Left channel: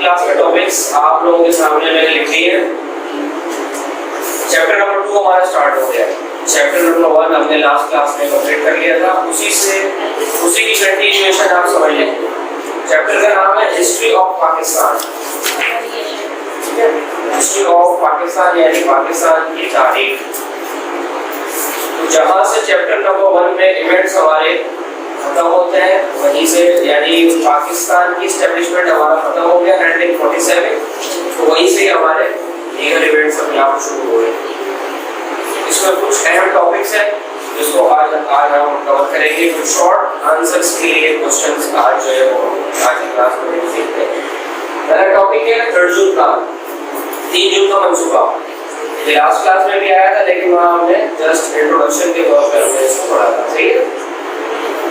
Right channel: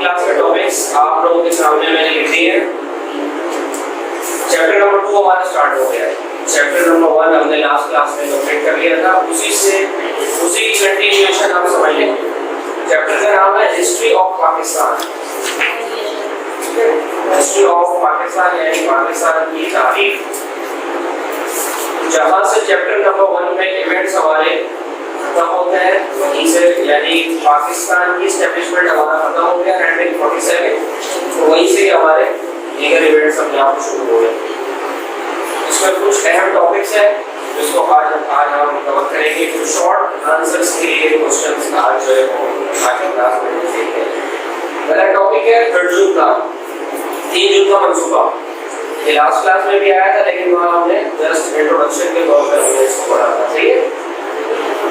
Class के topics आप लोगों के सामने मैंने लिख दिए हैं। चैप्टर नंबर 2 हमारा स्टार्ट हो गया है। चैप्टर नंबर 1 हमने लास्ट क्लास में कंप्लीट कर लिया था, उसी की कंटिन्यूएशन आप समझ लें। चैप्टर का नाम है history of Pakistan. History of Pakistan यानी पाकिस्तान की तारीख। जहाँ से चैप्टर नंबर 1 में इवेंट्स हमारे खत्म होते हैं, वहीं से यानी पाकिस्तान की एस्टेब्लिशमेंट हमारा खत्म हो गया 1947, तो वहीं से हमारे लीगल इवेंट्स अपने आप शुरू हो गए। इसमें कुछ अहम टॉपिक्स हैं जिसको आज हम कवर करेंगे। कुछ शॉर्ट आंसर्स के लिए क्वेश्चंस आज जो है वो आज की क्लास में देखते हैं। पहला टॉपिक है 3 जून का, 3 जून का मंसूबा। ये लास्ट क्लास में भी आया था, लेकिन वहाँ हमने जस्ट इंट्रोडक्शन के तौर पर हमने इसको पढ़ा था, ठीक है।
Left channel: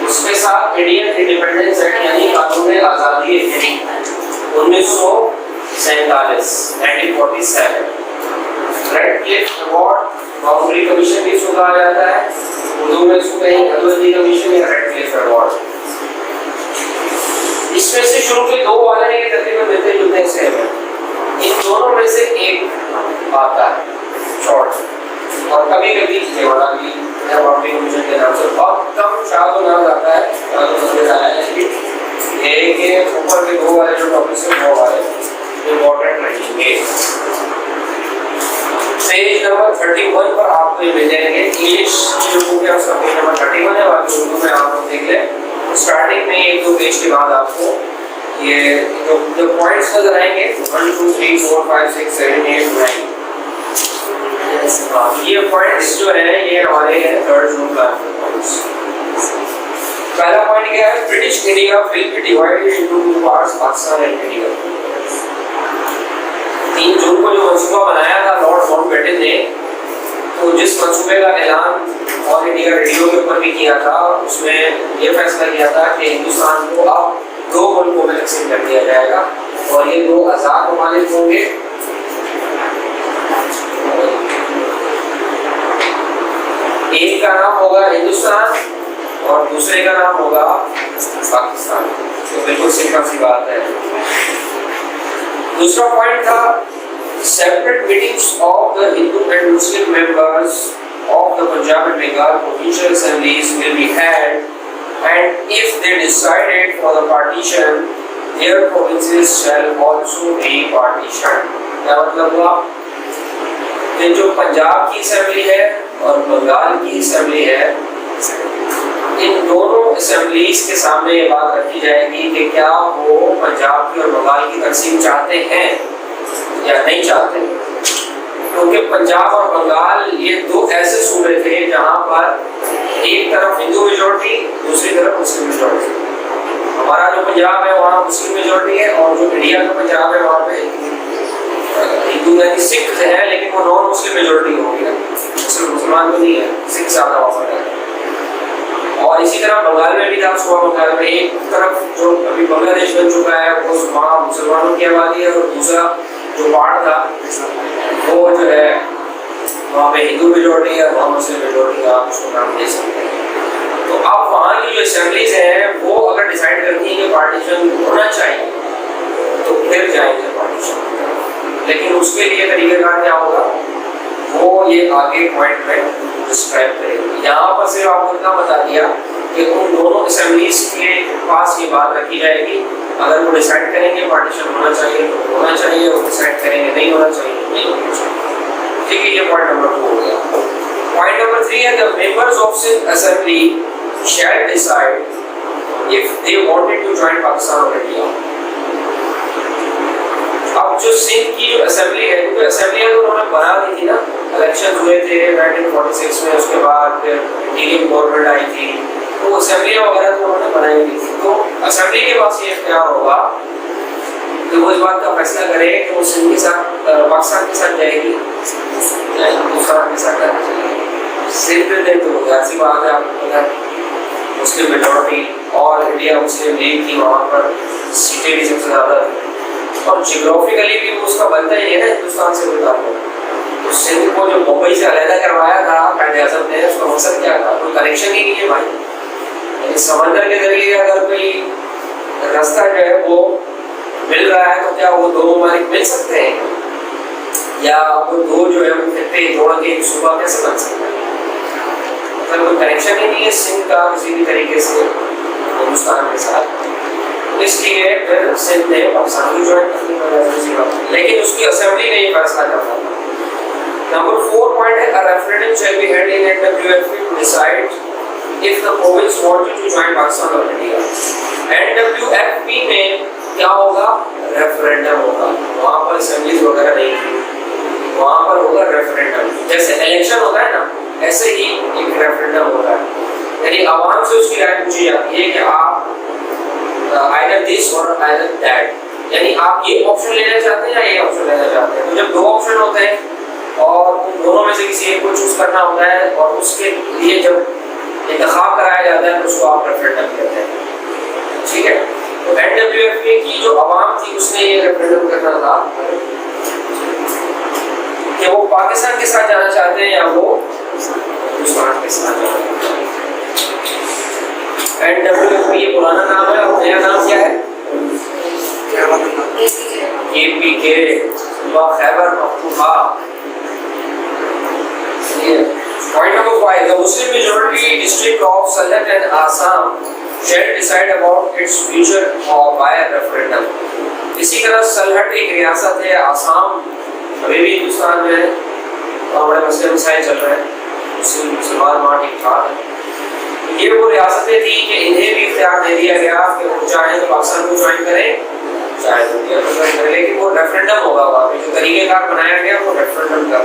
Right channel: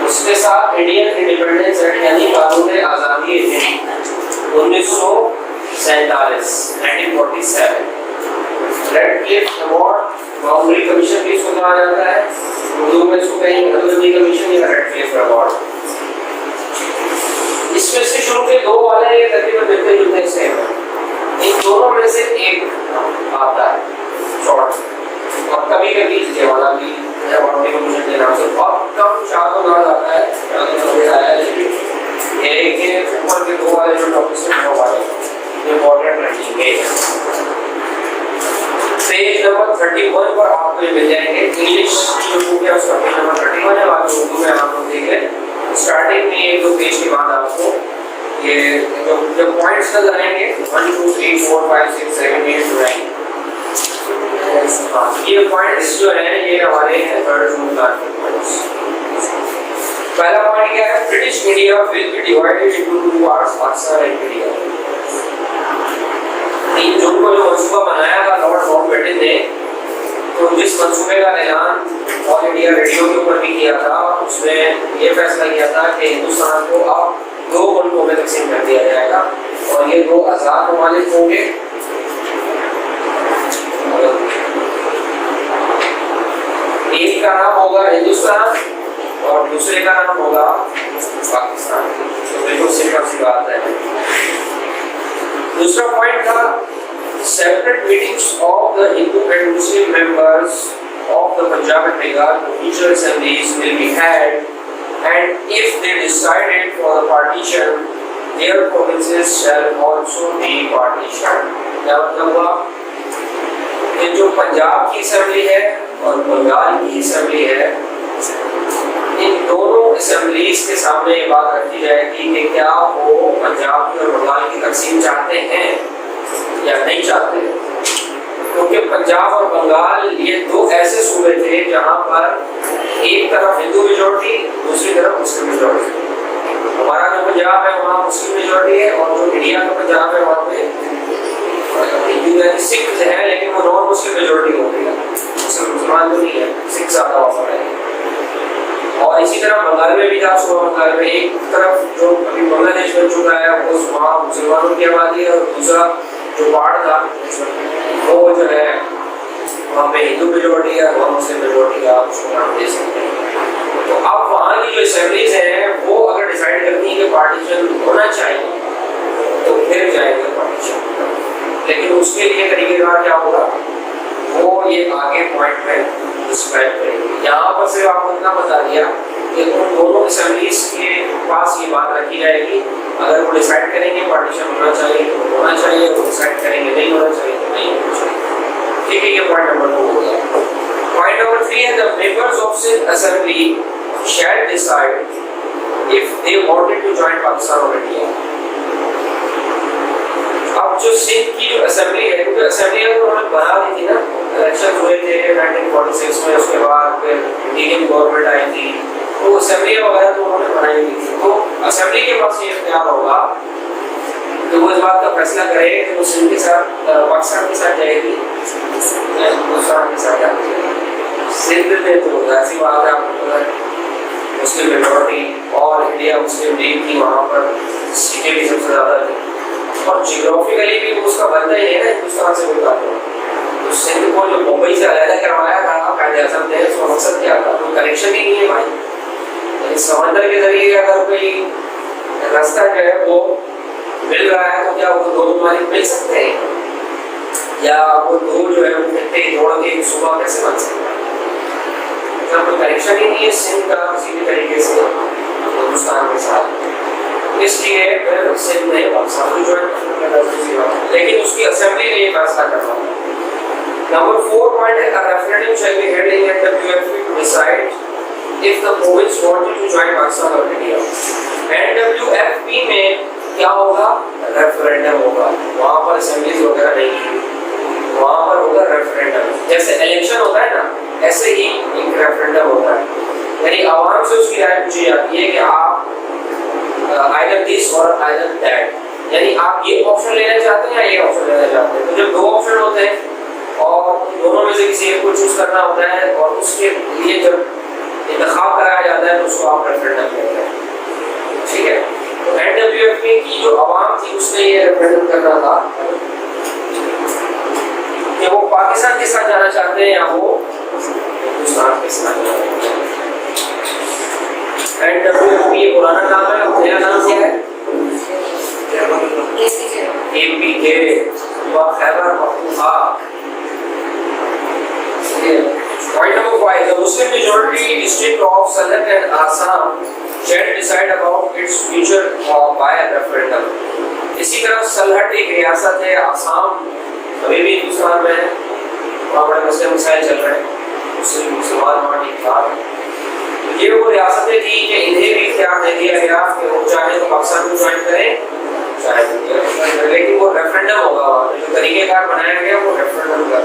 उसके साथ इंडियन इंडिपेंडेंस एक्ट यानी कानून आज़ादी 1947 red Cliff award boundary commission भी इसको कहा जाता है, उर्दू में इसको कहेंगे हदबंदी कमीशन या रेड क्लिफ अवार्ड। इसमें से शुरू के 2 वाले तकरीबन मिलते जुलते सेम है। इन दोनों में से एक आता है शॉर्ट, और कभी कभी जवाना भी बाउंड्री कमीशन के नाम से बहुत कम शायद नाम आता है, लेकिन ये के ऊपर के 2 वाले जो टॉपिक्स हैं वो वाले इंपॉर्टेंट रहेंगे। पेज नंबर 31 पर आपको ये मिल जाएंगे। इंग्लिश की जो बुक है उसका पेज नंबर 31 है, बाकी उर्दू में आप देख लें। स्टार्टिंग में 1-2 पेज के बाद आपको ये जो पॉइंट्स नजर आएंगे 1 2 3 4 5 6 7 8 9, ये पॉइंट्स जो है ये हमारे हैं 3 जून का पॉइंट्स। पहला पॉइंट क्या है? British India will be divided into 2 parts, Pakistan and India. 3 जून को जो मंसूबा बनाया था लॉर्ड माउंटबेटन ने, तो जिस मंसूबे का ऐलान ऑल इंडिया रेडियो के ऊपर भी किया था, उसमें ये फैसला किया था कि हिंदुस्तान को अब 2 मुल्कों में तकसीम कर दिया जाएगा और ये 2 आज़ाद ममालिक होंगे। एक का नाम होगा हिंदुस्तान और दूसरे का नाम होगा पाकिस्तान। तो बिल्कुल सिंपल सी बात है। दूसरा पॉइंट था separate meetings of the Hindu and Muslim members of the Punjab and Bengal provincial assemblies will be had and if they decided for the partition their provinces shall also be partition. क्या मतलब हुआ? ये जो पंजाब की असेंबली है और बंगाल की असेंबली है, इन दोनों असेंबलीज के सामने ये बात रखी जाएगी कि क्या वो पंजाब की और बंगाल की तकसीम चाहते हैं या नहीं चाहते, क्योंकि पंजाब और बंगाल ये 2 ऐसे सूबे थे जहाँ पर एक तरफ हिंदू मेजॉरिटी, दूसरी तरफ मुस्लिम मेजॉरिटी। हमारा जो पंजाब है वहाँ मुस्लिम मेजॉरिटी है, और जो इंडिया का पंजाब है वहाँ पे हिंदू यानी सिख है, लेकिन वो नॉन मुस्लिम मेजॉरिटी हो गया, मुसलमान तो नहीं है, सिख ज़्यादा वहाँ है। और इसी तरह बंगाल में भी था, बंगाल में एक तरफ जो अभी बांग्लादेश बन चुका है वो वहाँ मुसलमानों की आबादी है, और दूसरा जो पार्ट था वो जो है वहाँ पे हिंदू मेजॉरिटी है, वहाँ मुस्लिम मेजॉरिटी का उसको नाम दे सकते हैं। तो अब वहाँ की जो असेंबलीज हैं वो अगर डिसाइड करती हैं कि पार्टीशन होना चाहिए तो फिर जाएंगे पार्टीशन, लेकिन उसके लिए तरीकेकार क्या होगा वो ये आगे पॉइंट में डिस्क्राइब करेंगे। यहाँ पर सिर्फ आपको इतना बता दिया कि उन दोनों असेंबलीज के पास ये बात रखी जाएगी, अगर वो डिसाइड करेंगे पार्टीशन होना चाहिए तो होना चाहिए, वो डिसाइड करेंगे नहीं होना चाहिए तो नहीं होना चाहिए। ठीक है, ये पॉइंट नंबर 2 हो गया। पॉइंट नंबर 3 है the members of assembly shall decide if they wanted to join Pakistan और इंडिया। अब जो सिंध की जो असेंबली है, क्योंकि असेंबली तो उन्होंने बना दी थी ना, इलेक्शन हुए थे 1946 में, उसके बाद फिर इंडियन गवर्नमेंट आई थी, तो असेंबली वगैरह तो उन्होंने बनाई हुई थी। तो असेंबली के पास ये इख्तियार होगा कि वो इस बात का फैसला करे कि वो सिंध के साथ पाकिस्तान के साथ जाएगी या हिंदुस्तान के साथ जाएगी। सिंध में तो ऐसी बात है, आपको पता है मुस्लिम मेजॉरिटी और इंडिया मुस्लिम लीग की वहाँ पर सीटें भी सबसे ज़्यादा थी, और जियोग्राफिकली भी उसका बनता ही है ना हिंदुस्तान से कोई ताल्लुक। तो सिंध को जो मुंबई से अलग करवाया था कायदे-ए-आज़म ने, उसका मकसद क्या था? कोई कनेक्शन ही नहीं है भाई। समंदर के जरिए अगर कोई रास्ता जो है वो मिल रहा है तो क्या वो दो ममालिक मिल सकते हैं, या वो दो जो है वो खत्ते जोड़ के एक सूबा कैसे बन सकता है? मतलब कोई कनेक्शन ही नहीं है सिंध का किसी भी तरीके से हिंदुस्तान के साथ, इसलिए फिर सिंध ने पाकिस्तान को ज्वाइन कर लिया, लेकिन उसकी असेंबली ने ये फैसला किया। नंबर 4 पॉइंट है, a referendum shall be held in NWFP to decide if the province wanted to join Pakistan or India। NWFP में क्या होगा? रेफरेंडम होगा, वहाँ पर असेंबलीज वगैरह नहीं की, वहाँ पर होगा रेफरेंडम। जैसे इलेक्शन होता है ना, ऐसे ही एक रेफरेंडम होता है, यानी आवाम से उसकी राय पूछी जाती है कि आप आइदर दिस और आइदर दैट, यानी आप ये ऑप्शन लेना चाहते हैं या ये ऑप्शन लेना चाहते हैं। तो जब दो ऑप्शन होते हैं और उन दोनों में से किसी एक को चूज करना होता है और उसके लिए जब इंतखाब कराया जाता है तो उसको आप रेफरेंडम कहते हैं, ठीक है। तो एनडब्ल्यूएफपी की जो आवाम थी उसने ये रेफरेंडम करना था कि वो पाकिस्तान के साथ जाना चाहते हैं या वो हिंदुस्तान के साथ जाना चाहते हैं। एनडब्ल्यूएफपी ये पुराना नाम है, और नया नाम क्या है? KPK, Khyber Pakhtunkhwa. Point number 5, the Muslim majority district of Salak and Assam shall decide about its future by a referendum। इसी तरह सलहट एक रियासत है, आसाम अभी भी हिंदुस्तान में है, वहाँ बड़े मसले मसाइल चल रहे हैं, मुसलमान वहाँ ठीक ठाक है। ये वो रियासतें थी कि इन्हें भी इख्तियार दे दिया गया कि वो चाहे तो पाकिस्तान को ज्वाइन करें, चाहे तो इंडिया को ज्वाइन करें, लेकिन वो रेफरेंडम होगा, वहाँ पे जो तरीकेकार बनाया गया वो रेफरेंडम का।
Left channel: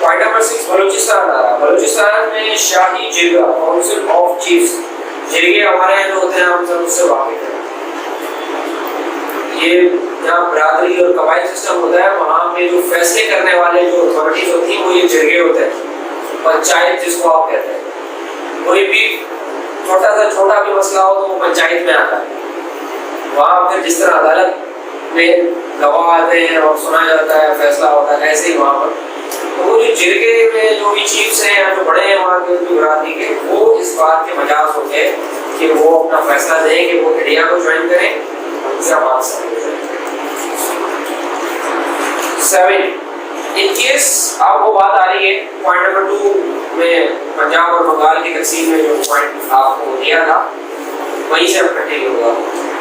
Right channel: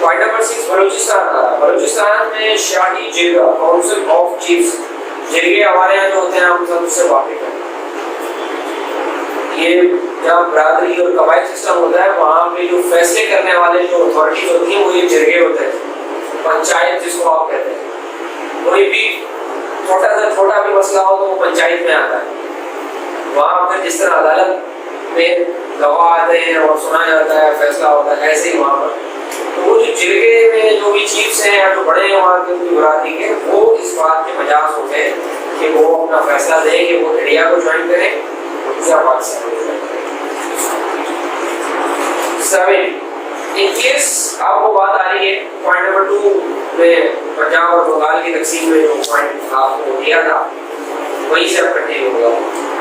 Point number 6, Balochistan. बलूचिस्तान में शाही जिरगा, काउंसिल ऑफ चीफ्स, जिरगे हमारे यहाँ जो होते हैं हम सब उससे वाकिफ हैं। ये जहाँ बरादरी और कबाइल सिस्टम होता है वहाँ पे जो फैसले करने वाले जो अथॉरिटीज होती हैं वो ये जिरगे होते हैं, पंचायत जिसको आप कहते हैं। कोई भी छोटा से छोटा भी मसला हो तो वो पंचायत में आता है। वहाँ फिर जिस तरह अदालत में गवाह आते हैं और सुना जाता है, फैसला होता है, ऐसे ही वहाँ पर तो वो जो जिरगे में जो भी चीफ्स हैं या जो बड़े हैं वहाँ के उनकी बरादरी के, वो इस बात के मजाज होते हैं कि वो अपना फैसला दें कि वो इंडिया को ज्वाइन करें या पाकिस्तान को ज्वाइन करें। 7, इन केस अब वो बात आ रही है पॉइंट नंबर 2 में, पंजाब और बंगाल की तकसीम में जो पॉइंट आपको दिया था वहीं से अब कंटिन्यू होगा।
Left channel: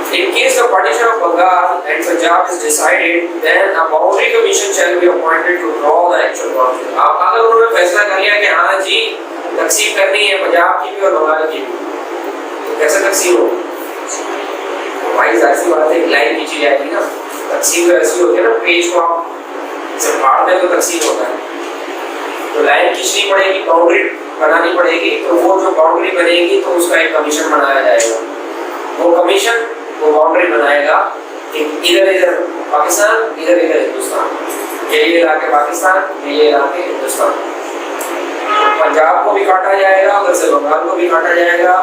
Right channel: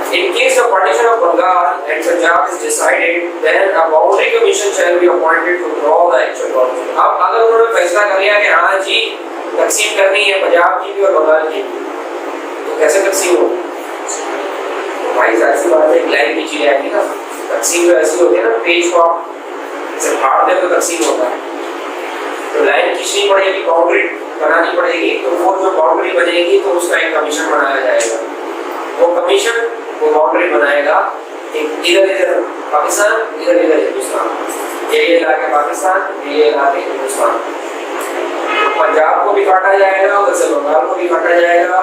In case the partition of Bengal and Punjab is decided, then a boundary commission shall be appointed to draw the actual boundary। अब अगर उन्होंने फैसला कर लिया कि हाँ जी तकसीम करनी है पंजाब की भी और बंगाल की भी, तो कैसे तकसीम होगी? तो भाई ऐसी बात है, लाइन खींची जाएगी ना। तकसीम तो ऐसी होती है ना, पेज को आप जैसे फाड़ दे तो तकसीम होता है, तो लाइन खींचनी पड़ेगी, बाउंड्री बनानी पड़ेगी, तो वो जो बाउंड्री बनेगी तो उसका एक कमीशन बनाया जाएगा। वो कमीशन वो बाउंड्री बनाएगा कि इधर इधर पाकिस्तान, इधर इधर हिंदुस्तान, ये इलाके पाकिस्तान, ये इलाके हिंदुस्तान। तो पंजाब को भी काटा जाएगा, उधर से बंगाल को भी काटा जाएगा,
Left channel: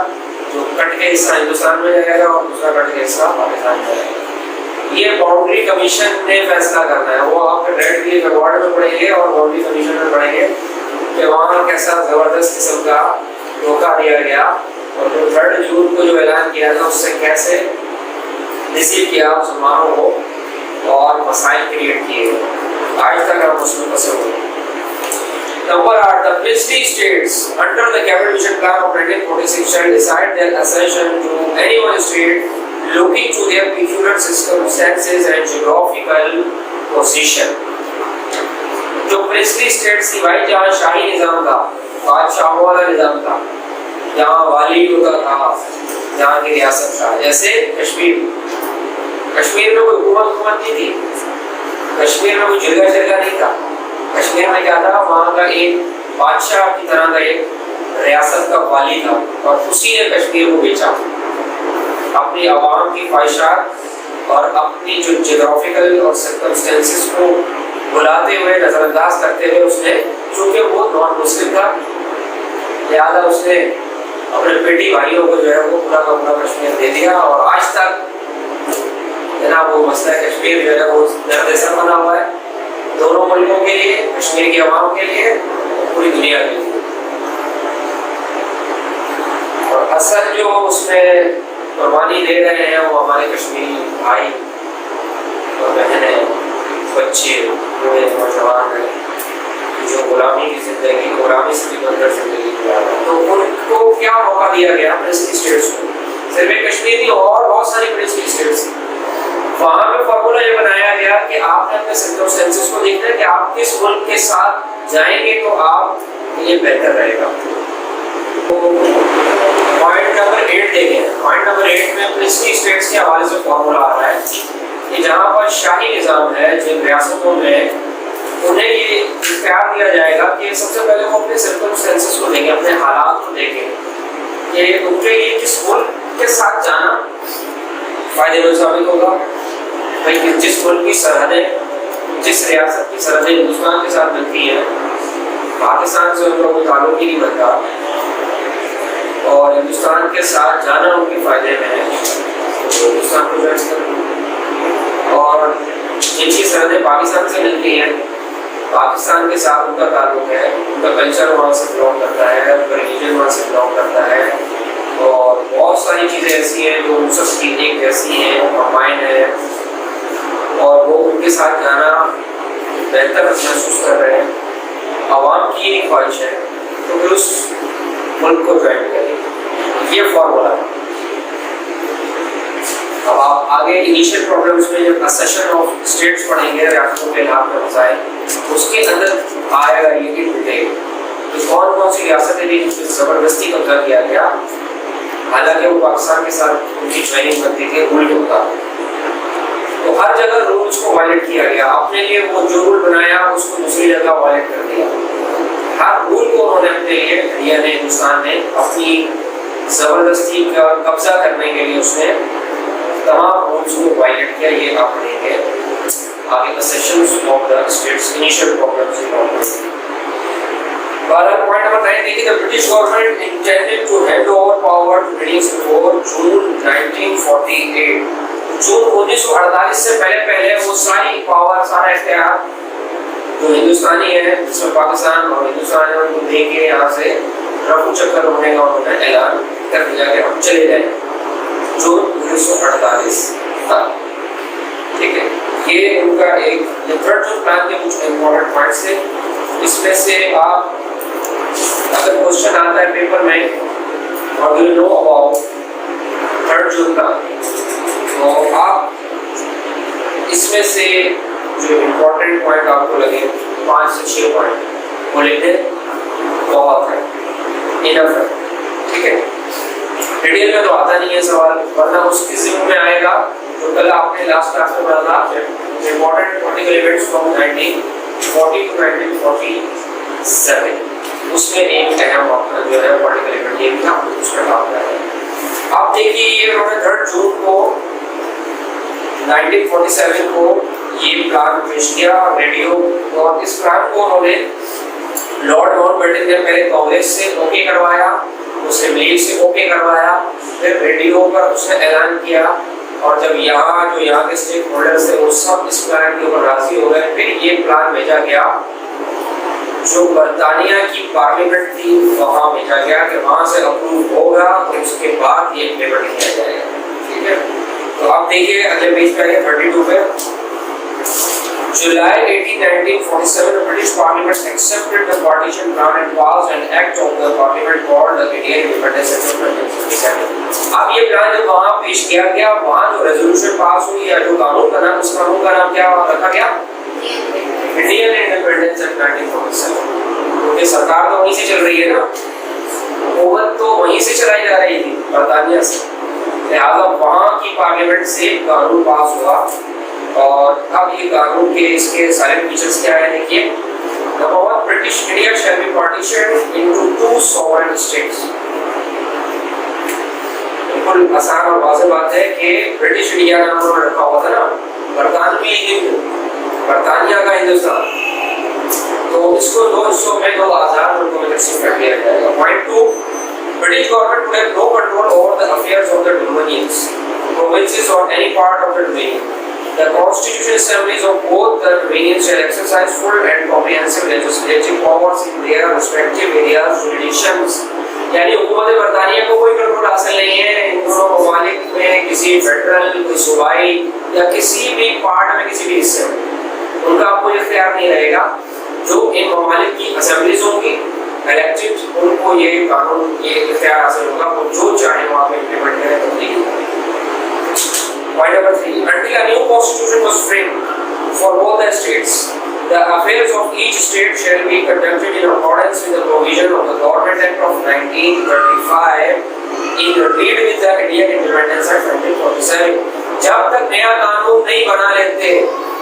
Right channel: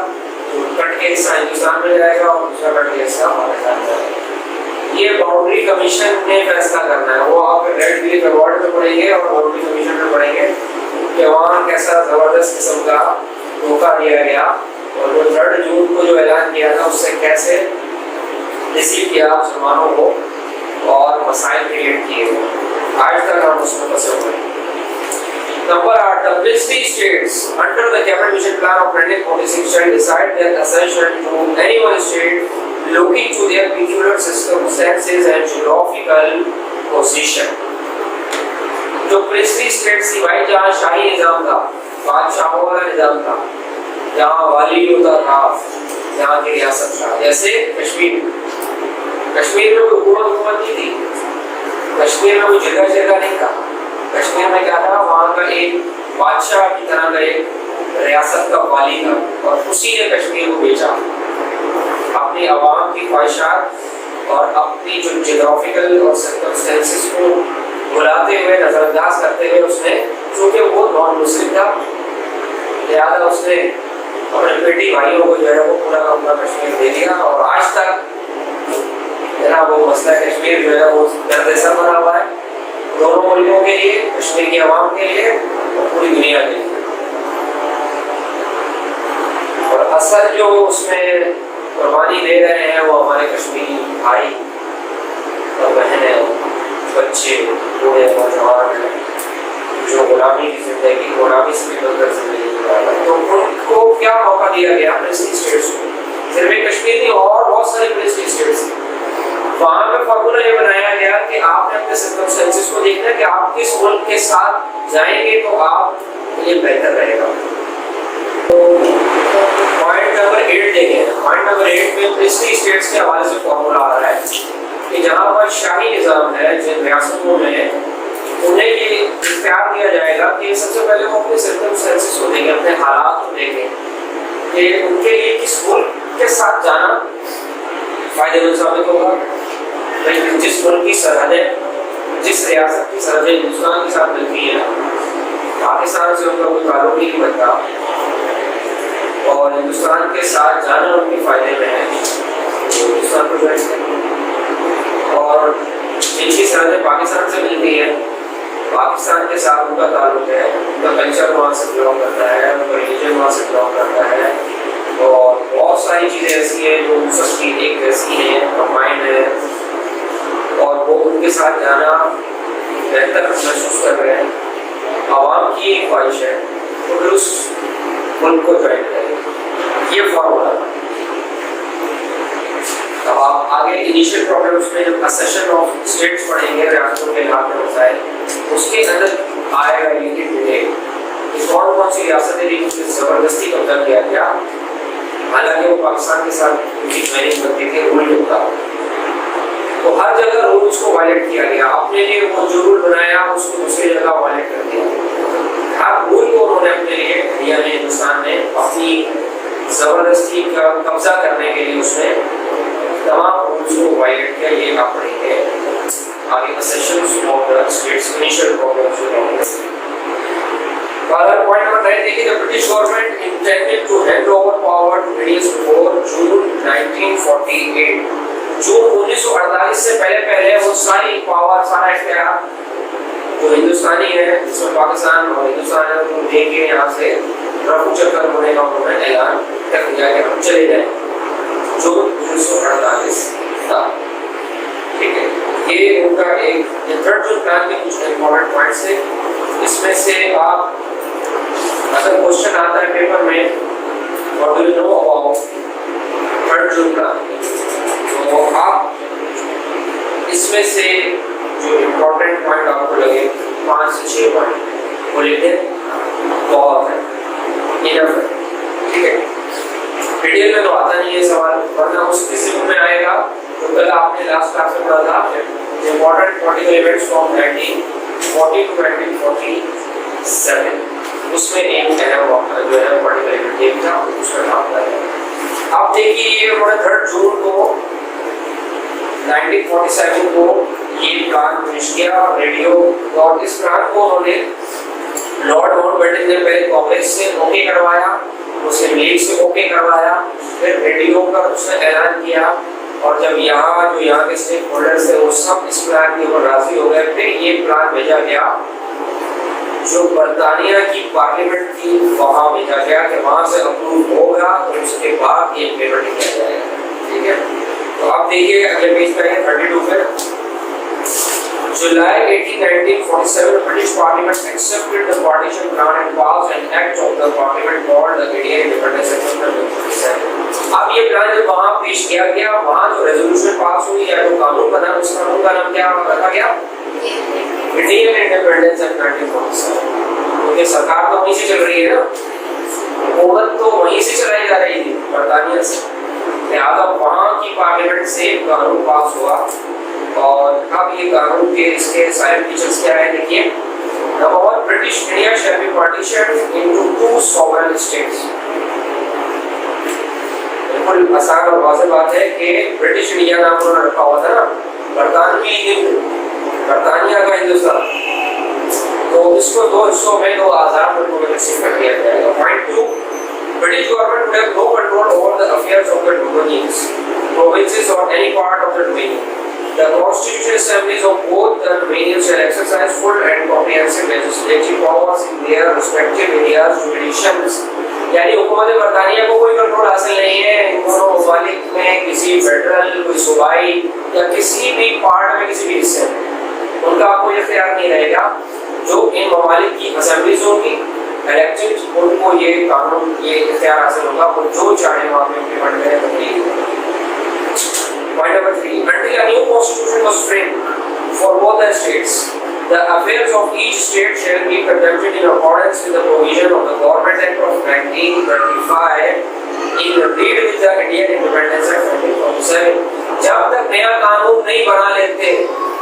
तो कट के हिस्सा हिंदुस्तान में जाएगा और दूसरा कट के हिस्सा पाकिस्तान में जाएगा। ये बाउंड्री कमीशन ने फैसला करना है। वो आप रेड क्लिक अवार्ड में पढ़ेंगे और बाउंड्री कमीशन में पढ़ेंगे कि वहाँ कैसा जबरदस्त किस्म का धोखा दिया गया और जो 3 जून को जो ऐलान किया था उससे कैसे रिसीव किया मुसलमानों को और मसाइल क्रिएट किए, आज तक हम उसमें फंसे हुए। Number 8, the P.ST states under the cabinet mission plan of 1946 shall decide their accession to any one state looking to their peculiar circumstances and geographical position। जो P.ST states थी भाई, जहाँ शाही निजाम था, बादशाहों वाला निजाम था, जहाँ वाली होता था, जहाँ की रियासत था, जैसे कश्मीर में कोई हुकूमत नहीं थी, कश्मीर में कोई जिरगा नहीं था। कश्मीर में क्या था, वहाँ का एक बादशाह की तरह का एक रियासत का वाली था और उसी ने कश्मीर को बेचा अपनी आवाम की ख्वाहिशात और अपनी जो जियोग्राफिकल और सर्कमस्टेंसेस को बुलाते हुए, नजरअंदाज करते हुए उसने, चूँकि वो नॉन मुस्लिम था, लिहाजा उसने अपने बेटी भाइयों को जो है वो पूरा का पूरा कश्मीर दे दिया। और आज तक ना वो मसला कश्मीर जो है वो दर्द-ए-सर बना हुआ है दोनों मुल्कों के लिए, कश्मीर की आवाम के लिए और पूरी दुनिया के लिए। और असल जो उसमें कुर्बानी दे रहे हैं वो हमारे कश्मीरी भाई, बच्चे, बूढ़े, नौजवान हैं जो गुलामी की जिंदगी, गुलामी से निकलकर जिंदगी गुजार रहे हैं, तो उनको क्या मौका दिया गया प्रिंसली स्टेट्स को? सिर्फ एक कश्मीर नहीं, और बहुत सारी प्रिंसली स्टेट्स। वहाँ पे फॉर्मूला ये बनाया गया कि आपने अपने सर्कमस्टेंसेस को देखना है कि आप किस मुल्क के साथ जाएंगे तो आप ये बेहतर रहेगा। तो पॉइंट नंबर 8 देखें। पॉइंट नंबर 8 में प्रिंसली स्टेट्स के हवाले से फॉर्मूला आ रहा है कि जहाँ पर शाही निज़ाम है, जिन रियासतों में, उन्हें ये इख्तियार दिया जाएगा कि सबसे पहले वो अपने सर्कमस्टेंसेस को देखें, अपने हालात को देखें कि उनके लिए किस मुल्क के साथ जाना फायदेमंद साबित होगा। भाई जिस मुल्क की सरहदें, जिस रियासत की सरहदें हिंदुस्तान के साथ मिलती हैं, पाकिस्तान से उनका कोई ताल्लुक ही नहीं बनता और हिंदुस्तान के साथ जाना उनके फायदे में है, तो हिंदुस्तान को ज्वाइन करना। और जिनकी सरहदें पाकिस्तान से मिलती हैं, पाकिस्तान के साथ उनका ताल्लुक है, उनका कल्चर वहाँ से बिलोंग करता है, उनका रिलीजन वहाँ से बिलोंग करता है, और बहुत सारी चीज़ें ऐसी हैं जो उन सबकी एक जैसी हैं, कंबाइन है, और वो उनके साथ जाना बेहतर महसूस कर रहे हैं। आवाम की एक ख्वाहिश है तो फिर उस मुल्क को ज्वाइन करें, ये फॉर्मूला। अब आप आगे इनिशियल प्रॉब्लम्स में जब असेशन ऑफ स्टेट्स पढ़ेंगे, रियासतों के लाभ में मसाइल, उसके अंदर आएगा ये डिटेल कि कौन कौन सी रियासतें भी ज़बरदस्ती कब्जा किया गया, हालांकि वो पाकिस्तान के साथ उनकी ज्वाइनिंग करती थी रूल के मुताबिक। तो हर जगह रूल्स को वायलेट किया गया, अपने लिए वो जो रूल बनाया उसको दूसरी जगह वायलेट कर दिया। हर रूल को उन्होंने अपने लिए, इंडिया ने, हिंदुस्तान ने अपनी ज़बरदस्ती का कब्जा करने के लिए उसने तमाम रूल्स को वायलेट किया। ये आप पढ़ेंगे आगे sessions of the states, initial problems. Point number 9 देखिए, the British government intended to hand over power to British before June 1948। जून 1948 से पहले वो सारी पावर, सारा इख्तियार जो हिंदुस्तानी है, जिसमें पाकिस्तान और हिंदुस्तान है, उनको दे के यहाँ से रफू चक्कर होने का उन्होंने ऐलान कर दिया है, हम चले जाए जून 1948 तक। ठीक है, ये उनका एक थर्ड जून प्लान के कुछ इम्पोर्टेंट पॉइंट्स थे। इसमें से आप अगर क्वेश्चन आता है पेपर में, what do you know about third June plan, तो आप इसमें से जो इम्पोर्टेंट पॉइंट आपको लगे 5 से 6 पॉइंट वो लिख दें, बहुत है, इनफ है। ठीक है, डिटेल में तो आता नहीं है सवाल, वरना उसकी जिम्मे में आएगा जो कल आपने लास्ट क्लास में पढ़ा था, important political events from 1940 to 1947, उसमें एक अहम जो है पॉलिटिकल इवेंट ये था, उसमें आता है। अब देखिए, ये उन्होंने 3 जून को 1947 को ये प्लान पेश किया रेडियो, और इस प्लान को उन्होंने लॉर्ड माउंटबेटन ने पहले कांग्रेस से ओके करवाया, मुस्लिम लीग से ओके करवाया, फिर रेडियो पर उसने ऐलान किया, और जब यहाँ के स्टेक होल्डर्स थे वो सब इस प्लान के ऊपर राजी हो गए, फिर ये प्लान भेजा गया जो बर्तानिया की पार्लियामेंट थी, वहाँ भेजा गया कि वहाँ से अप्रूव होगा तो उसके बाद ये इम्प्लीमेंट किया जाएगा। ठीक है, तो आप देखिए अगले पेज पे है 32 पे, July 18, 1947, the British Parliament accepted the partition plan and passed an act of the Parliament called the Indian Independence Act। अब ये प्लान जब वहाँ पेश किया गया, वहाँ जो रेजोल्यूशन पास हुई या जो कानून बना, उस कानून का नाम क्या रखा गया? Indian independence act 1947। ये सरकार तो वहीं से चल रही है ना, हुकूमत तो वहीं से चलाई जा रही थी, बर्तानिया से, लिहाजा वहाँ की पार्लियामेंट से कानून पास हुआ। और अब ये कानून के इसके साइलेंट फीचर्स क्या है देखिए। Number 1, British India shall be partitioned into 2 sovereign states. बिल्कुल आसान और वाज़ेह बात है कि ब्रिटिश इंडिया नाम उन्होंने रखा हुआ था ना, बरतानवी हिंद, बरतानिया का हिंदुस्तान, तो इसको 2 हिस्सों में 2 आज़ाद मुल्कों में तकसीम कर दिया जाएगा। Point 2, British government would have no control over the affairs of the dominions, provinces or any part of the dominion. The constitutional assemblies of both the dominions shall exercise full and comprehensive legislative powers in their respective areas jurisdictions। यानी हुकूमत बरतानिया को कोई control हासिल नहीं है इन दोनों ममालिक में, किसी फेडरल, कोई सूबाई या किसी भी पार्ट में, किसी भी हिस्से में। उनका आपको इख्तियार नहीं रहेगा। जो इन ममालिक की असेंबलीज होंगी इलेक्टेड, उनको ये कानून ये इख्तियार हासिल होगा, वो जो चाहे वहाँ पे इम्प्लीमेंट करें तो नहीं होगा। Point number 3. Until a new constitution was framed for both the states, the affairs of each state shall be conducted in accordance with the provision of the Government Act of 1935 in read with the Indian Independence Act 1947. जब तक नया कानून नहीं बना लेते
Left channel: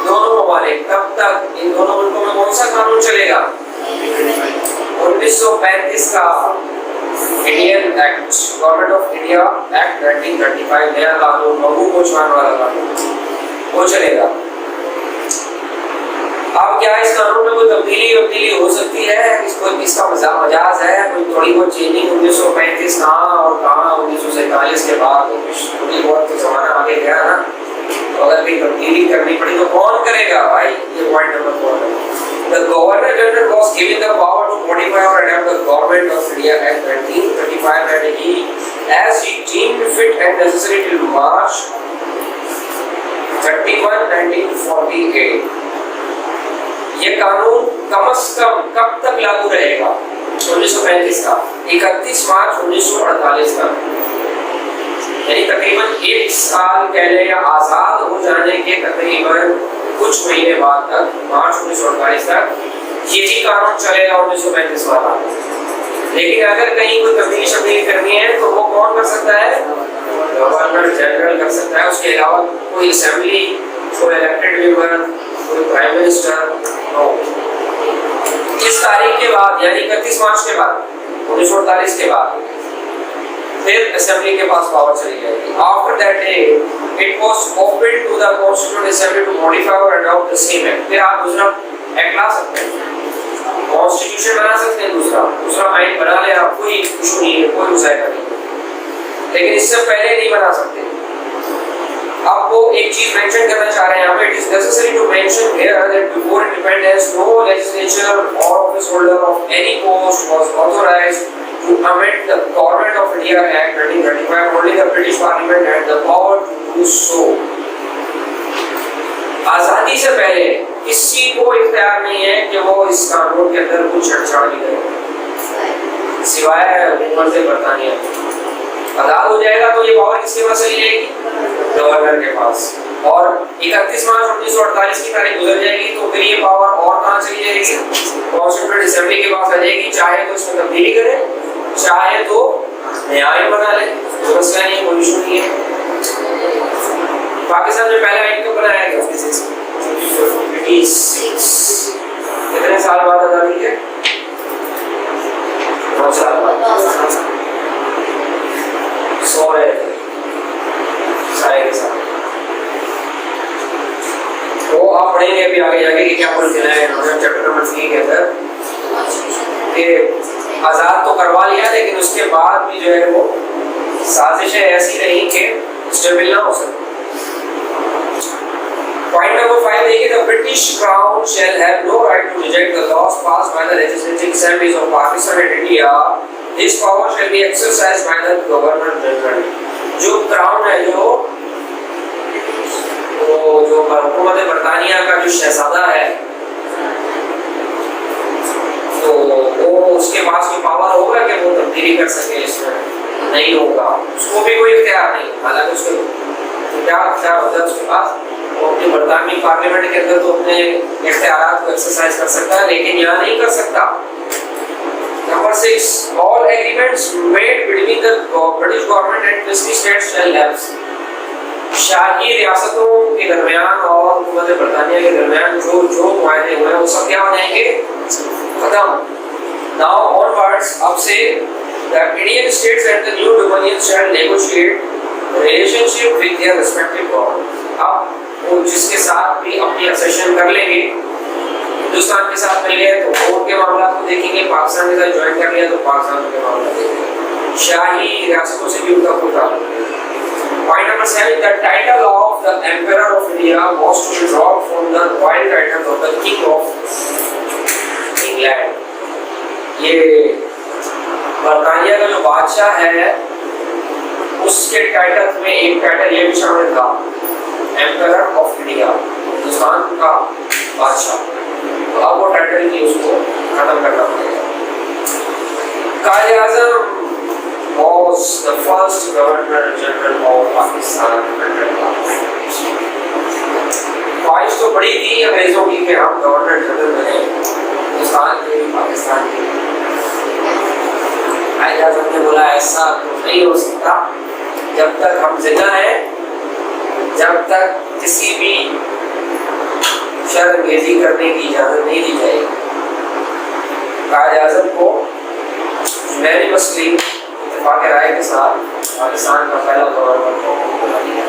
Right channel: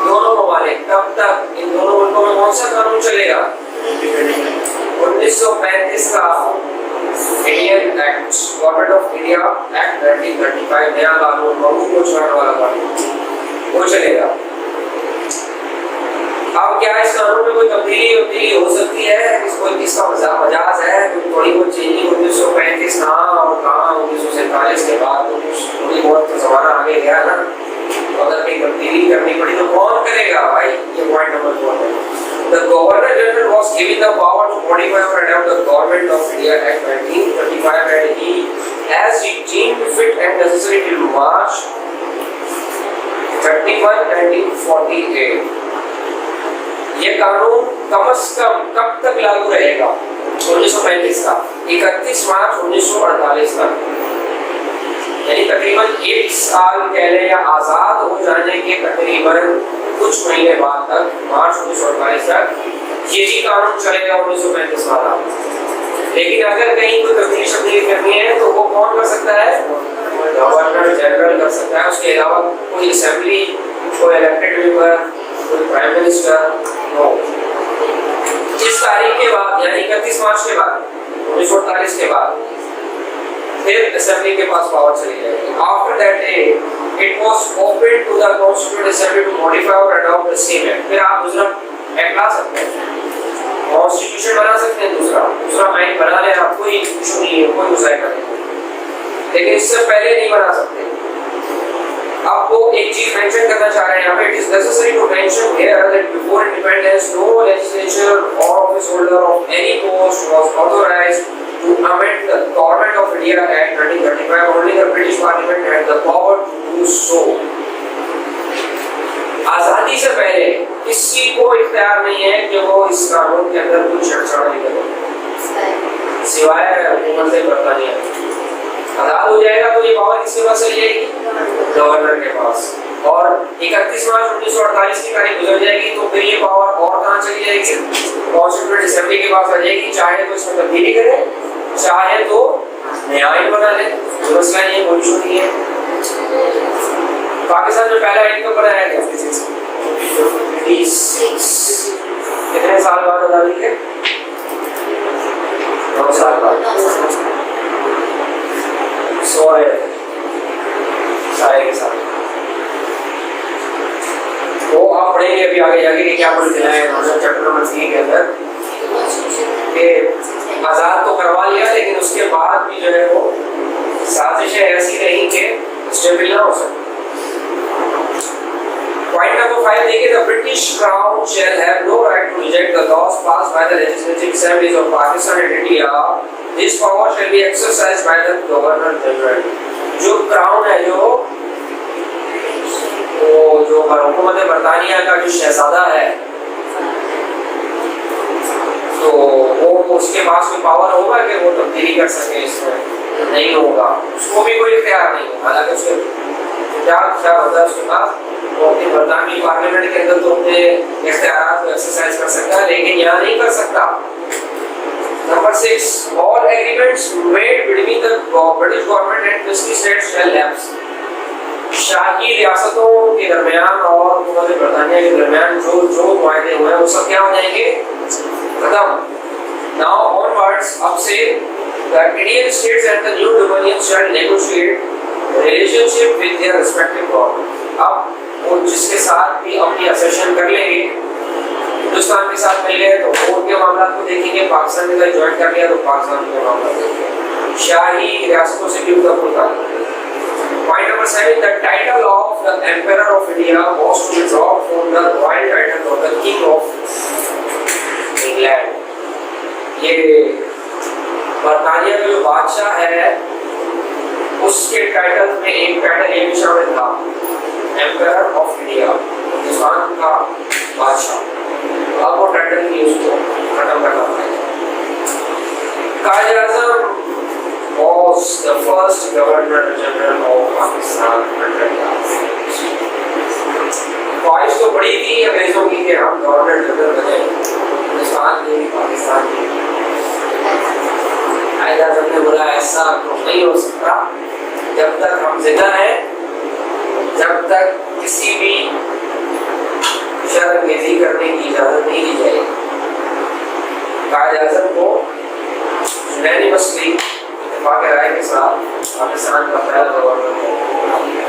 दोनों ममालिक, तब तक इन दोनों मुल्कों में कौन सा कानून चलेगा? 1935 का Indian act, government of India act 1935, नया कानून, ममू को छुड़ाने वाला कानून, वो चलेगा। अब क्या इस कानून में कोई तब्दीली हो सकती है? इसका मजाज है, कोई थोड़ी बहुत चेंजिंग 1935 कहाँ और कहाँ 1947 के बाद थोड़ी बहुत तो जमाना आगे गया ना, तो अगर कहीं तब्दीली करनी पड़ी तो कौन करेगा भाई? ये पॉइंट नंबर 4 है। The Governor General was given the power to modify or adapt the Government of India Act 1935 and he, as he deemed fit and necessary till March 31, 1948। ये कानून कम से कम कब तक लागू रहेगा? 1935 का 31 मार्च 1948 का, यानी तकरीबन 1 साल पहले या आजाद हो जाने के तकरीबन कुछ महीने बाद तक, मार्च 1948 तक यही कानून चलेगा 1935 वाला। लेकिन अगर कहीं कोई तब्दीली करनी है तो वो कौन कर सकता है? गवर्नर जनरल कर सकता है। उसके अलावा कोई असेंबली, कोई इलेक्टेड मेंबर, कोई प्राइम मिनिस्टर नो। इस तारीख के बाद यानी 31 मार्च के बाद 1948 के बाद फिर असेंबली के पास पावर चली जाएगी। After that day it was open to the Constituent Assembly to modify or adopt the same act। फिर आप दूसरा एक्ट ला सकते हैं, कॉन्स्टिट्यूशन बना सकते हैं, दूसरा आइन बना ले, आप कोई इशू नहीं है, कोई मुसाइला नहीं, लेकिन इससे पहले नहीं बना सकते। अब वो एक चीज मेंशन करना चाह रहे हैं यहाँ पे, it is necessary to mention here that before independence no legislature or office holder of any post was authorized to amend the Government of India Act 1935। only the British Parliament had the power to do so। आजादी से पहले किसी को इख्तियार नहीं है कि वो इस कानून के अंदर कुछ छेड़छाड़ भी करे, सिवाय हुकूमत बरतानिया। आजाद हो जाएगा तो ये पावर किसके पास चली जाएगी? गवर्नर के पास। और 31 मार्च 1948 की तारीख गुजर जाएगी तो फिर ये पावर और कहाँ चली जाएगी? कॉन्स्टिट्यूएंट असेंबली के पास आ जाएगी। चाहे तो इसमें तब्दीली करे, चाहे तो नया आइन बना ले, कोई मसला नहीं है, कोई इशू नहीं है। पाकिस्तान में पहला आइन कब बनाया गया? 86। कितने साल बाद आजादी के? 9 साल बाद। 100 सारे के साथ। तो आप पढ़ेंगे अभी आगे जाके कि क्या पढ़ के लाए उन्होंने चैप्टर नंबर 3 के अंदर कि आजाद तो करवा लिया, लेकिन उसके बाद भी जो है वो साजिशें ऐसी रही कि स्टेबल ना हो सके। Point number 5 देखिए, the British Crown shall have no right to reject the laws passed by the legislative assemblies of Pakistan and India। This power shall be exercised by the Governor General। जो crown है, जो हुकूमत बरतानिया का जो शहजादा है, तो वो उसके पास कोई पावर होगा कि वो तब्दीली कर सके? इसमें नहीं होगा, उसको भी कोई इख्तियार नहीं। हालांकि उसके इख्तियार होता है उसके पास, वो अपनी बरतानवी पार्लियामेंट के अंदर तो अपने इख्तियारात को एक्सरसाइज कर सकता है, लेकिन यहाँ नहीं कर सकता। Number 6, all agreements made between the British government and P.ST states shall lapse। शाही रियासतों के दरमियान और हुकूमत बरतानिया के दरमियान जो मुआहदे हुए हैं वो सब क्या हो जाएंगे? खत्म। Now onwards, अब से the Indian states and the new dominions shall negotiate relationship with their respective government। अब वो जिसके साथ भी अपनी असेशन कर लेंगे, हिंदुस्तान के साथ मिल गए तो कोर्ट के मामला को देखेंगे, पाकिस्तान के साथ ज्वाइन कर लिया तो पाकिस्तान के मामला देखेंगे, शाही रियासतों से भी उनका कोई ताल्लुक नहीं। Point number 7, the title of the Emperor of India was to be dropped from the royal title of the King of England। ये बरतानिया का जो बादशाह है उसके टाइटल में एक टाइटल ये भी शामिल था, एम्परर ऑफ इंडिया, हिंदुस्तान का बादशाह। Governor general of Pakistan under ख्वाहिश तो बड़ी थी अंग्रेजों की कि हम गवर्नर जनरल बने हिंदुस्तान के पाकिस्तान के। आज़म ने बोला ऐसा तो नहीं हो सकता, जब तक हम जिंदा हैं जब तक किसी भी शर्मंगेज़ी करने की इजाजत नहीं दी जाएगी। कायद आज़म को यूनानिमसली इत्तेफाक राय के साथ पाकिस्तान का पहला गवर्नर बना दिया।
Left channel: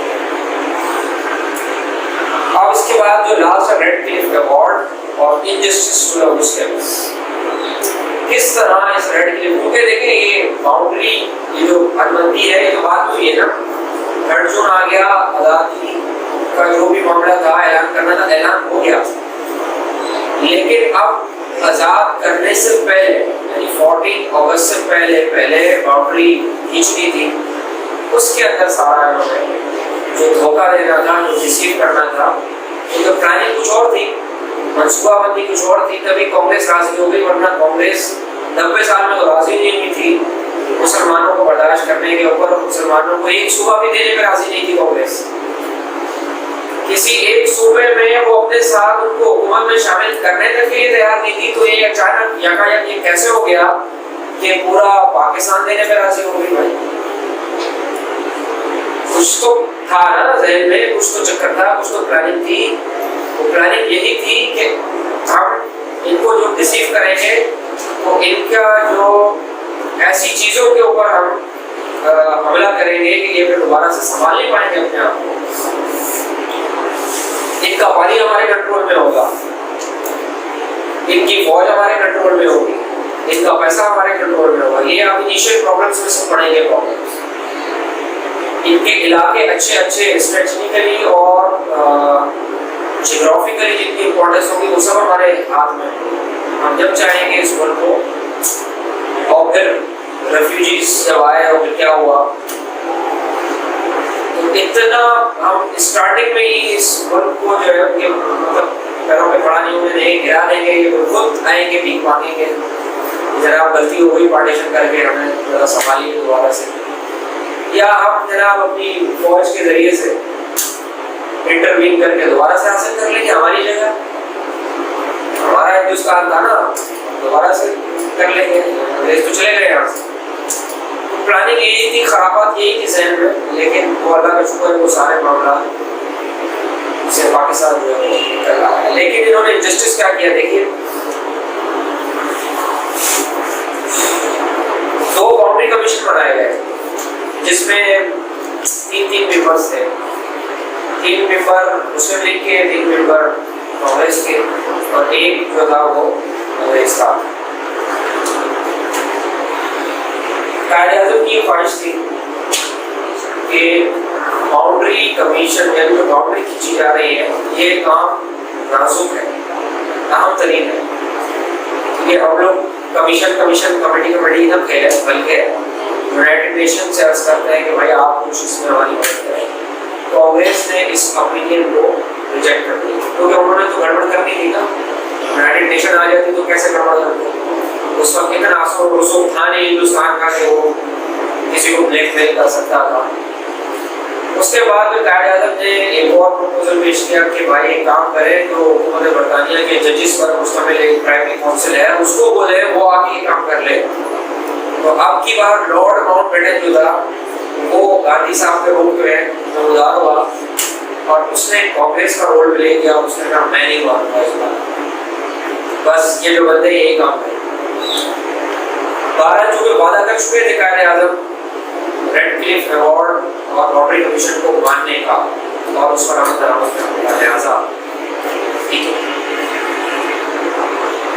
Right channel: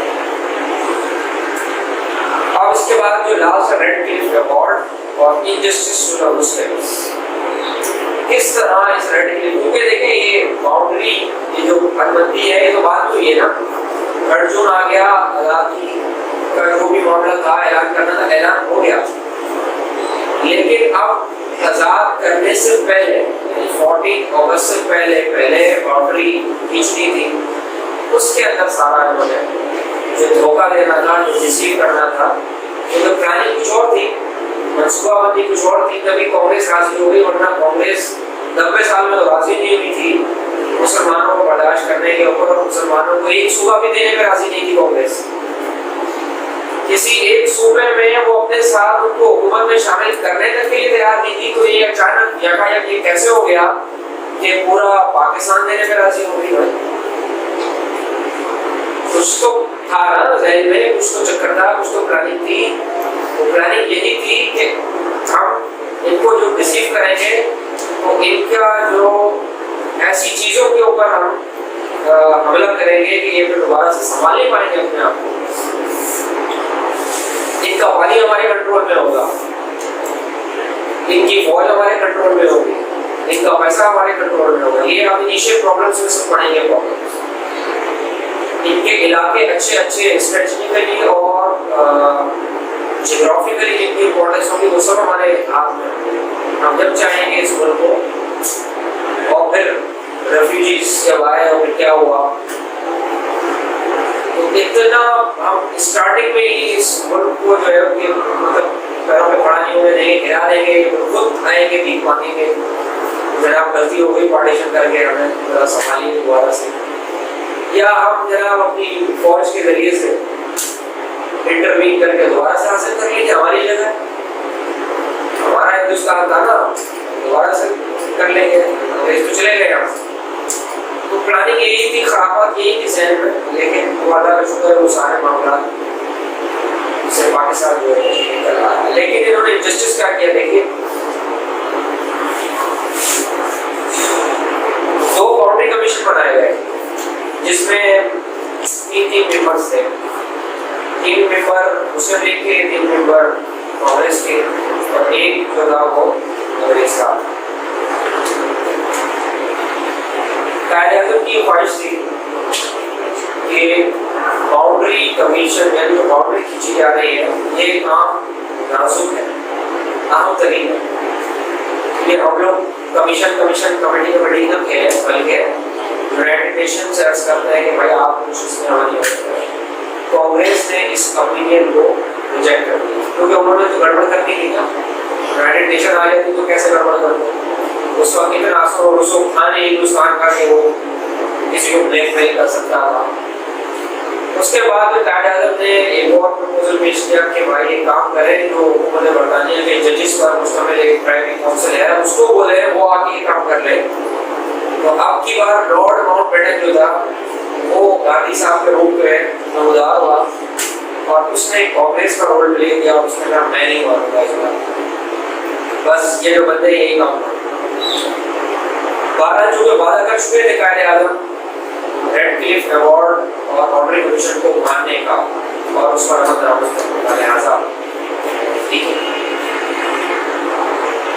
अब इसके बाद जो लास्ट रेड क्लिफ अवार्ड और इनजस्टिस टू द मुस्लिम्स, किस तरह इस रेड क्लिफ, क्योंकि देखें ये बाउंड्री, ये जो हदबंदी है, ये तो बात हुई है ना, 3 जून आ गया, आज़ादी का जो भी मामला था ऐलान करना था, ऐलान हो गया, लेकिन अब आज़ाद करने से पहले यानी 14 अगस्त से पहले बाउंड्री खींच दी थी, उसके अंदर सारा इन्होंने जो धोखा देना था, जो डिसीव करना था, तो प्लानिंग कुछ और थी, मनसूबाबंदी कुछ और थी, तभी कांग्रेस राजी हो गई, वरना कांग्रेस 90 साल में तो राजी नहीं हुई थी मुसलमानों को बर्दाश्त करने के ऊपर। मुसलमानों को एक सूबा भी देने में राजी नहीं थी कांग्रेस। किसी एक सूबे में वो अपने साथ उनको हुकूमत में शामिल करने तक के लिए तैयार नहीं थी, तो ये अचानक यकायक ये कैसे हो गया कि पूरा पाकिस्तान देने में राजी हो गई? भाई कुछ तो था ना ज़हन में, कुछ तो चक्कर था, कुछ तो प्लानिंग थी। वो प्लानिंग यही थी कि हम इनको जो रिसीव करेंगे तो इनका जो ऐसी चीज़ों के ऊपर हम हमला करेंगे कि ये फिर दोबारा से संभाल नहीं पाएंगे अपने आप को। इनका पानी हमारे कंट्रोल में होगा, इनकी फौज हमारे कंट्रोल में होगी, इनका पैसा हमारे कंट्रोल में होगा। ये आप इनिशियल प्रॉब्लम्स में से पढ़ेंगे प्रॉब्लम्स। इनके इलाके अच्छे स्ट्रेटेजिकली और जियोग्राफिकली जितनी इंपॉर्टेंस होगी वो सब हमारे हाथ में होगी। हम जब चाहेंगे इस मुल्क को, और फिर रेफ्यूजीज जब आए और फिर क्या हुआ, तो इतना हम स्टार्टिंग में ही इस मुल्क को जो है मतलब पैरों पे पड़ा नहीं होने देंगे, गिरा देंगे, खुद आएंगे, भीख मांगेंगे, जनाब गलती हो गई पार्टीशन करके, हमें जरा संभालिए दोबारा से, या हम जनाब अपनी फौज के जरिए से इंटरवीन करके दोबारा से हासिल कर लेंगे हमारी जगह, हमारा हिंदुस्तान था ना, दोबारा से कर लेंगे, अंग्रेज तो चले गए यहाँ से। तो प्लानिंग यही थी, खराबात यही थी ज़हन में, लेकिन वो अल्लाह का शुक्र है वो सारे मामला से पाकिस्तान जो है निकल रहा है। लेकिन इन्होंने जस्टिस क्या किया, देखिए 2 बाउंड्री कमीशन बनाए गए जिसमें 3 मेंबर्स थे, 3 मेंबर मुस्लिम लीग के, 3 मेंबर कांग्रेस के, और एक जो था वो अंग्रेज का। कायद आज़म की ख्वाहिश थी कि बाउंड्री कमीशन या जो बाउंड्री खींची जा रही है ये काम नाजुक है, अहम तरीन है। ये हम लोग कमीशन कमेटी तक है, बल्कि यूनाइटेड नेशन से अर्ज करते हैं कि भाई आप कुछ इसमें हमारी मदद करें। कांग्रेस ने इस ओपिनियन को रिजेक्ट कर दिया, क्योंकि उन्होंने तो गड़बड़ कर दी थी ना, यूनाइटेड नेशन आ जाती तो कैसे गड़बड़ करते। उस वक्त इतना रसूख था नहीं हिंदुस्तान का कि वो किसी को ब्लैकमेल कर सकता था। उसके बाद में कायद आज़म ने एक और प्रपोजल पेश किया कि भाई एक काम करें, जो हुकूमत बरतानिया के जजिस पर मुश्तमिल एक प्राइवेट काउंसिल है उसको बोले वो आके ये काम कर ले। तो अब की बार लॉर्ड माउंटबेटन जो था वो गांधी साहब के रूप में नमदार हुआ और उसने कांग्रेस का रोल प्ले किया। उसने कहा मैं नहीं मानूंगा इस बार, बस ये जो बंदे यही काम करें। 12 जून में वादा कर चुके थे कायद आज़म रेड क्लिफ अवार्ड और बाउंड्री कमीशन को मानने का और उस पर अमल दरामद करने का, लिहाजा ठीक है।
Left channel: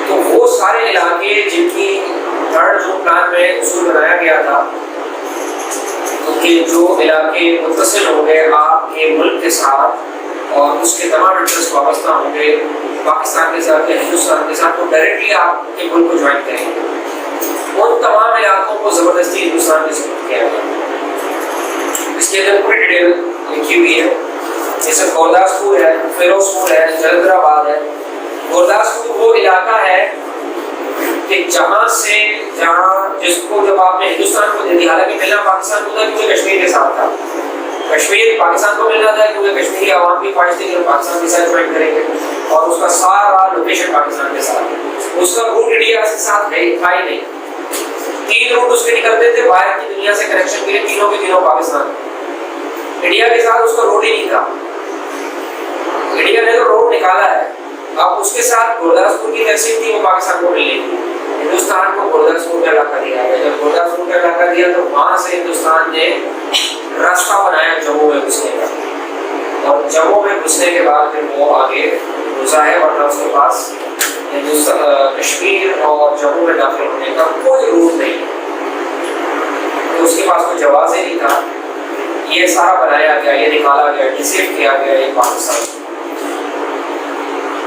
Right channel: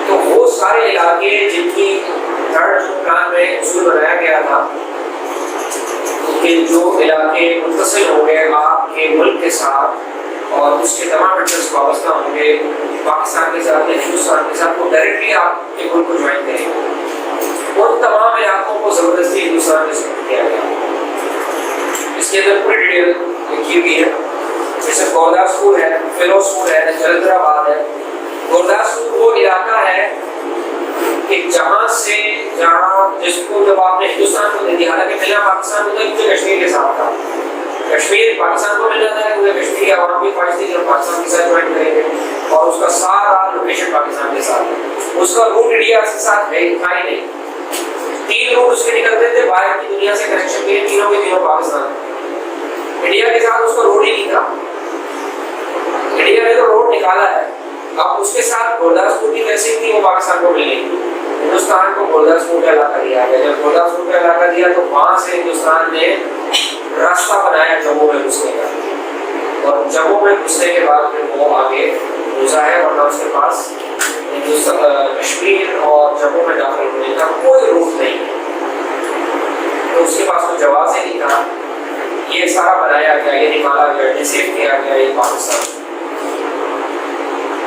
तो वो सारे इलाके जिनकी 3 जून प्लान में उसूल बनाया गया था, कि जो इलाके मुत्तसिल होंगे आपके मुल्क के साथ और उसके तमाम इंटरेस्ट वाबस्ता होंगे पाकिस्तान के साथ या हिंदुस्तान के साथ, तो डायरेक्टली आपके मुल्क को ज्वाइन करेंगे। उन तमाम इलाकों को ज़बरदस्ती हिंदुस्तान में शिफ्ट किया गया। इसके अंदर पूरी डिटेल लिखी हुई है, जैसे गुरदासपुर है, फिरोजपुर है, जलंधराबाद है। गुरदासपुर वो इलाका है कि जहाँ से जहाँ जिसको जब आपने हिंदुस्तान को दे दिया, हालांकि मिलना पाकिस्तान को था क्योंकि कश्मीर के साथ था, कश्मीर पाकिस्तान को मिलना था क्योंकि कश्मीरी आवाम की ख्वाहिश थी कि पाकिस्तान के साथ ज्वाइन करेंगे और उसका सारा लोकेशन पाकिस्तान के साथ है, उसका रूट इंडिया के साथ है था ही नहीं। 3 रूट उसके निकलते थे बाहर की दुनिया से कनेक्शन के लिए, तीनों के तीनों पाकिस्तान, इंडिया के साथ उसका रोड ही नहीं था। इंडिया ने तो रोड निकाला है, अब उसके साथ गुरदासपुर की तहसील थी वो पाकिस्तान को मिलनी थी, हिंदुस्तान को गुरदासपुर का इलाका दिया गया। जब गुरदासपुर का इलाका दिया तो वहां से हिंदुस्तान ने रास्ता बनाया जम्मू में घुसने का, और जम्मू में घुसने के बाद फिर वो आगे घुसा है, वरना उसके पास कश्मीर और जम्मू में दाखिल होने का कोई रूट नहीं है, तो उसके पास कोई जवाब ही नहीं था। ये सारा बनाया गया, ये निकाला गया, डिसीव किया गया ये पाकिस्तान।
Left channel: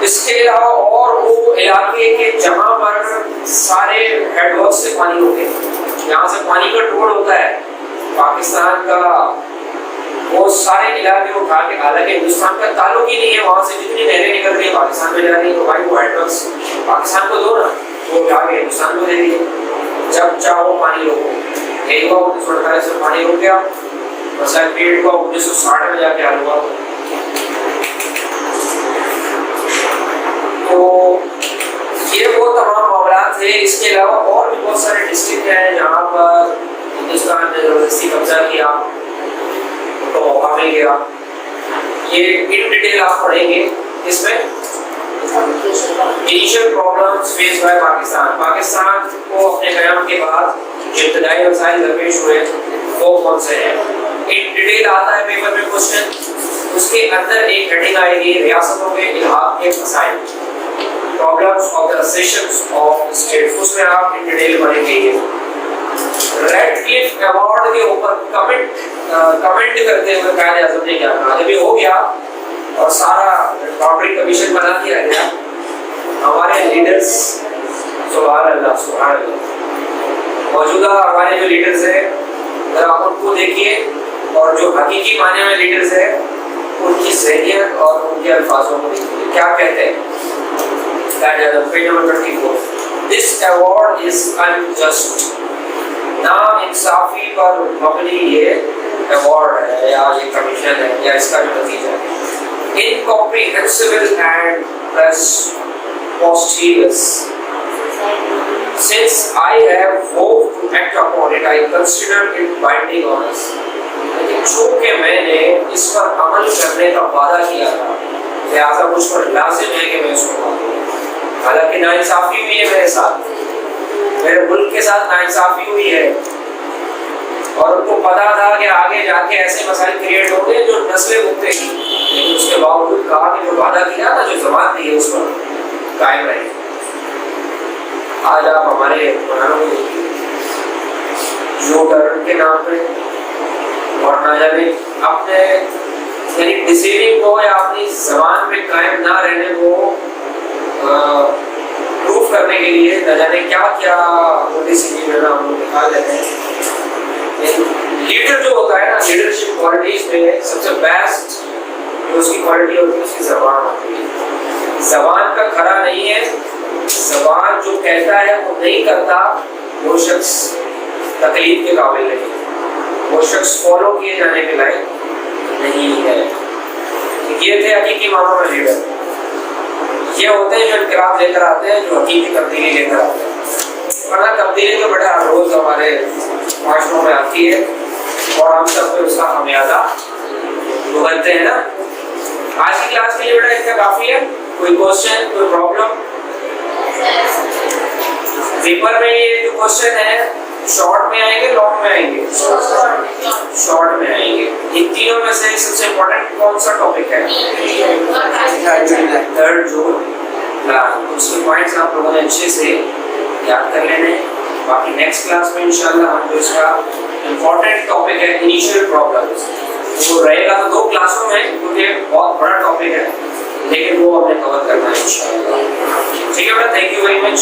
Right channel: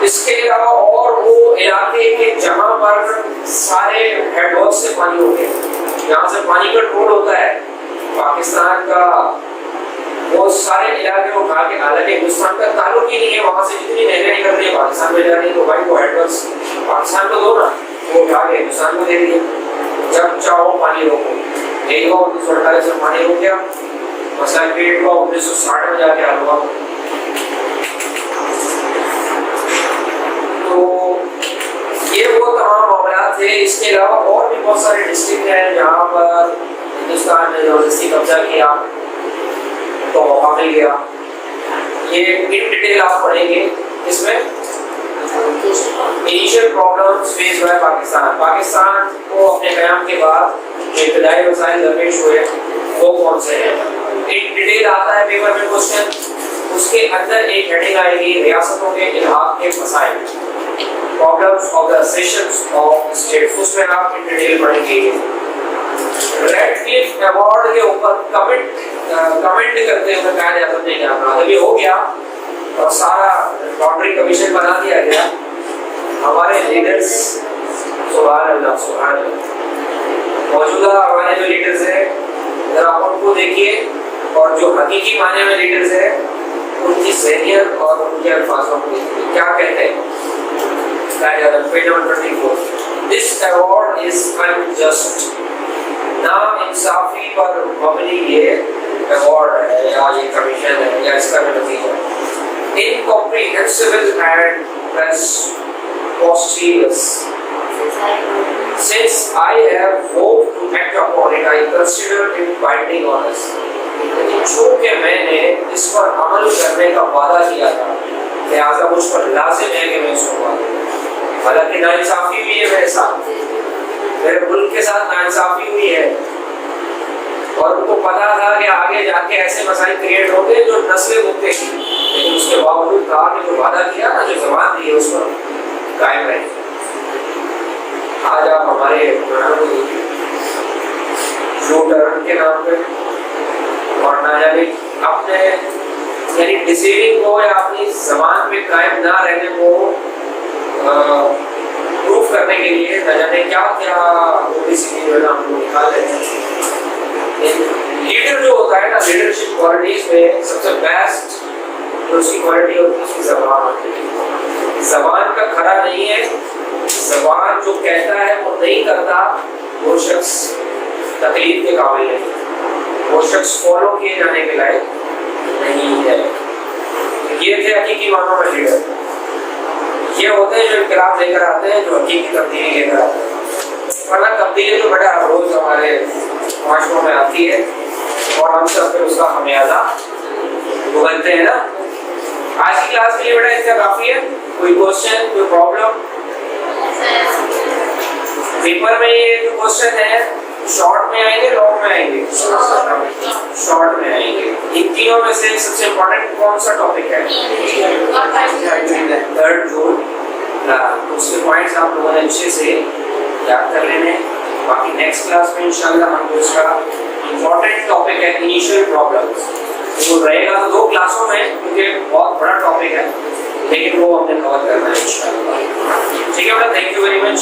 इसके अलावा और वो इलाके के जहां पर सारे हेडवर्क से पानी होते हैं, यहाँ से पानी कंट्रोल होता है पाकिस्तान का, वो सारे इलाके उठा के, हालांकि हिंदुस्तान का ताल्लुक ही नहीं है वहां से, जितनी नहरें निकल रही है पाकिस्तान में जा रही है, तो भाई वो हेडवर्क पाकिस्तान को दो ना, वो उठा के हिंदुस्तान को दे दिए। जब चाहो पानी रोको, एक बार 1948 में पानी रुक गया, मसला पीरियड हुआ 1960 में जाके हल हुआ। तो ये वो तमाम मामला थे। इसके अलावा और भी बहुत सारे डिस्ट्रिक्ट हैं जहाँ पर हिंदुस्तान ने जबरदस्ती कब्जा किया, तो मौका मिल गया। ये इन डिटेल आप पढ़ेंगे। इसमें initial problems face by Pakistan, Pakistan को अपने क़याम के बाद जो इब्तदाई मसाइल दरपेश हुए वो कौन से हैं, इन डिटेल आता है पेपर में क्वेश्चन। उसके अंदर एक हेडिंग आएगी रियासतों के इलाक़ के मसाइल, problems of the sessions of state, उसमें आप इन डिटेल पढ़ेंगे। रेड क्लिफ अवार्ड के ऊपर कमेंट करते हुए कायदे आज़म ने क्या कहा, जब ये हो गया और सारा बाउंड्री कमीशन बना दिया गया, हमारे लीडर्स, सुभान अल्लाह सुभान अल्लाह, मौजूदा हमारे जो लीडर्स हैं अगर आप उनको देखिए और जो हकीकी माने में लीडर्स हैं उनकी ज़हनियत और उनके अल्फाजों को देखिए क्या कहते हैं। Quaid-e-Azam page number 24, this award is unjust, ना इंसाफी पर मबनी ये अवार्ड है या ये कमीशन है या इसका जो नतीजा incomprehensible and preposterous. Since I have hoped to act upon it, I consider it binding on us. लेकिन चूंकि मैंने इस पर अमल करने का वादा किया था, लिहाजा मुझ पर लाजिम है कि मैं इसको करूं। हालांकि नाइंसाफी हुई है मेरे साथ, मेरे मुल्क के साथ नाइंसाफी हुई है, और उनको पता था कि आगे जाके ऐसे मसाइल क्रिएट होंगे जो नस्लें भुगतेंगी, लेकिन उसके बावजूद कहा कि जो वादा किया ना, जो जबान दी है उस पर कायम रहे। आज आप हमारे जो टर्न के नाम पे और ना जाने अपने यानी डिसीविंग को या अपनी जबान पे कायम ना रहने को प्रूफ करने के लिए न जाने क्या क्या डिसीजन हम लोग निकाल लेते हैं। लीडर जो होता है ना, लीडरशिप क्वालिटीज में सबसे बेस्ट जो उसकी क्वालिटी होती है उसकी जबान होती है। जबान का खरा नहीं है, जबान जो कहता है वो नहीं करता, वो शख्स तकलीफ के काबिल नहीं, वो शख्स फॉलो किए जाने के लायक नहीं है। ये थे हकीकी मानों में लीडर, ये होते हैं जो इनकलाब लेकर आते हैं, जो हकीकी तब्दीली लेकर आते हैं। वरना तब्दीली तो बड़ा रोज हमारे माशरों में आती है और हम सब पे उसका खमियाजा भुगतते हैं ना। आज की क्लास के लिए बेटा इतना काफी है। कोई क्वेश्चन, कोई प्रॉब्लम? पेपर में ये जो क्वेश्चन है शॉर्ट में आएंगे, लॉन्ग में आएंगे? शॉर्ट में आएंगे। इन तीनों में से सबसे इम्पोर्टेंट कौन सा टॉपिक है? 3 जून। उसके पॉइंट्स आप लोगों ने अच्छे से याद कर लेने। बाकी नेक्स्ट क्लास में इंशाल्लाह हम जो इसका इम्पोर्टेंट टॉपिक है इनिशियल प्रॉब्लम्स, वो रहेगा तो 2 क्लासों में, क्योंकि बहुत बड़ा टॉपिक है, लेकिन वो हमें कवर करना है इंशाल्लाह। ठीक है बेटा, थैंक यू वेरी मच।